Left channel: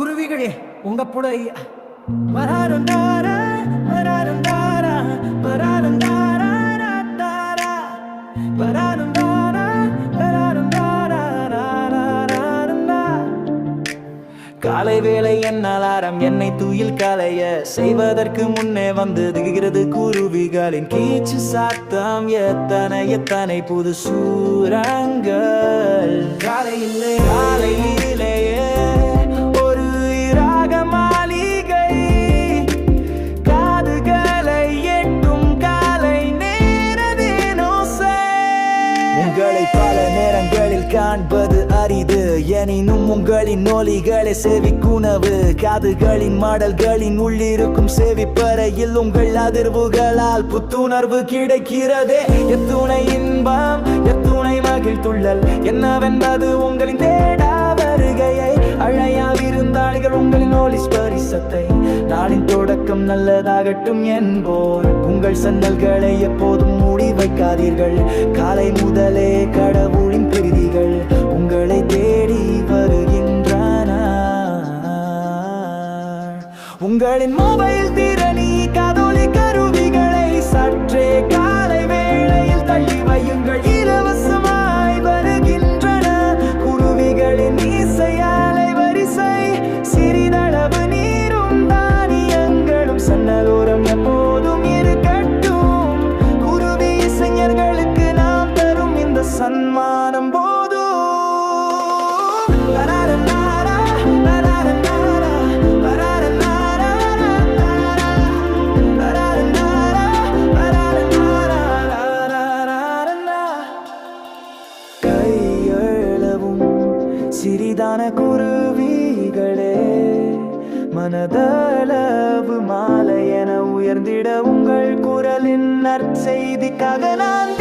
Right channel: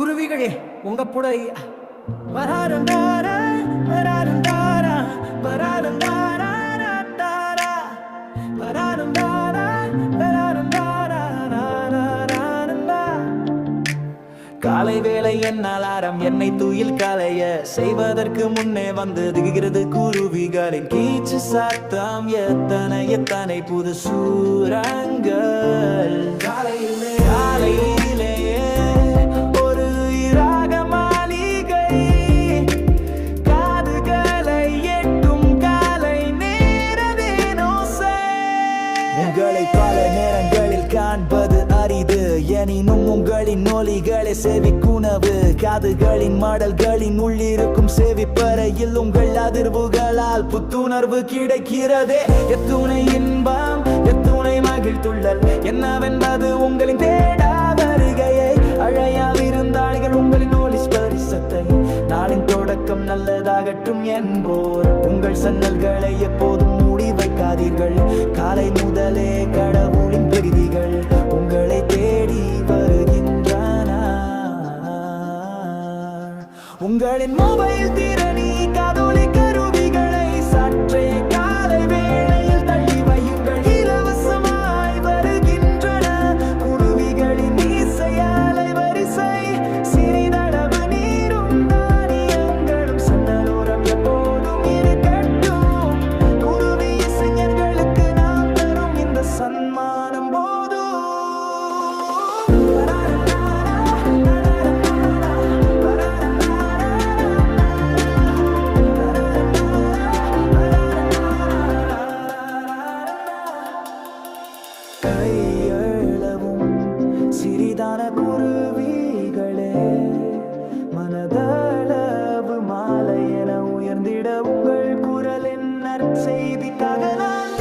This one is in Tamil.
குருவிகளே உங்க புடை வராருந்தாரா வராருந்தாரா வராருந்தாரா தாரா வராருந்தாரா வராருந்தாரா. காலை வேளை என் அலாரம் என்னை தூயில் காலைய செய்வதற்கு முன்னே வந்து திகுகிறது குருவிகளின் கீச்சு சாத்தம். எத்தனை எத்தனை புது சூரங்கள் காலையிலேயே ஒரு இராக மாளிகை காதுகளை எட்டும் காலை நேரதேனோசை. உங்களை பல நேரங்களில் காண்பது அரிது, எனினும் உங்களின் ஒலிகளை செவிக்குணவு. காதுகளின் மாடல்களின் உள்ளிருக்கும் செவிப்பறையில் உங்கள் அதிர்வுகளால் புத்துணர்வு கிடைக்கிறதே. எத்துணை இன்பம் எத்துணை மகிழ்த்துள்ளல் என்னவென்பது உங்களின் தேடா வருகையை. அழையா விருந்தாளிகள் உங்களின் ஒலி ஸ்பரிசத்தை நாளின் தொடக்கம் நல்லதாகட்டும் என்போர். உங்கள் சன்னல்களை எப்போதும் மூடி வைக்காதீர்கள், காலை முதலே கடவுளின் பிரதிகள் உங்களை தேடி வருகின்றன. உங்களின் மொபைல் திறனி காதொலி கருவிகளை சற்றே காலை வேளையில் தள்ளி வையுங்கள், இலவசமாய் வருகின்றன குருவிகளின் இசையாலை வரிசை. சிறிதளவு நீரும் தானியங்களும் சன்னலோரம் எப்போதும் இருக்கட்டும். குருவி இசைஞர்களுக்கு நாம் தரும் இந்த சன்மானம் போதும். கையளவும் சிறிதான குருவிகளே, மனதளவு மாலை என உயர்ந்திட உங்கள் குரலின் நற்செய்திக்காக நான்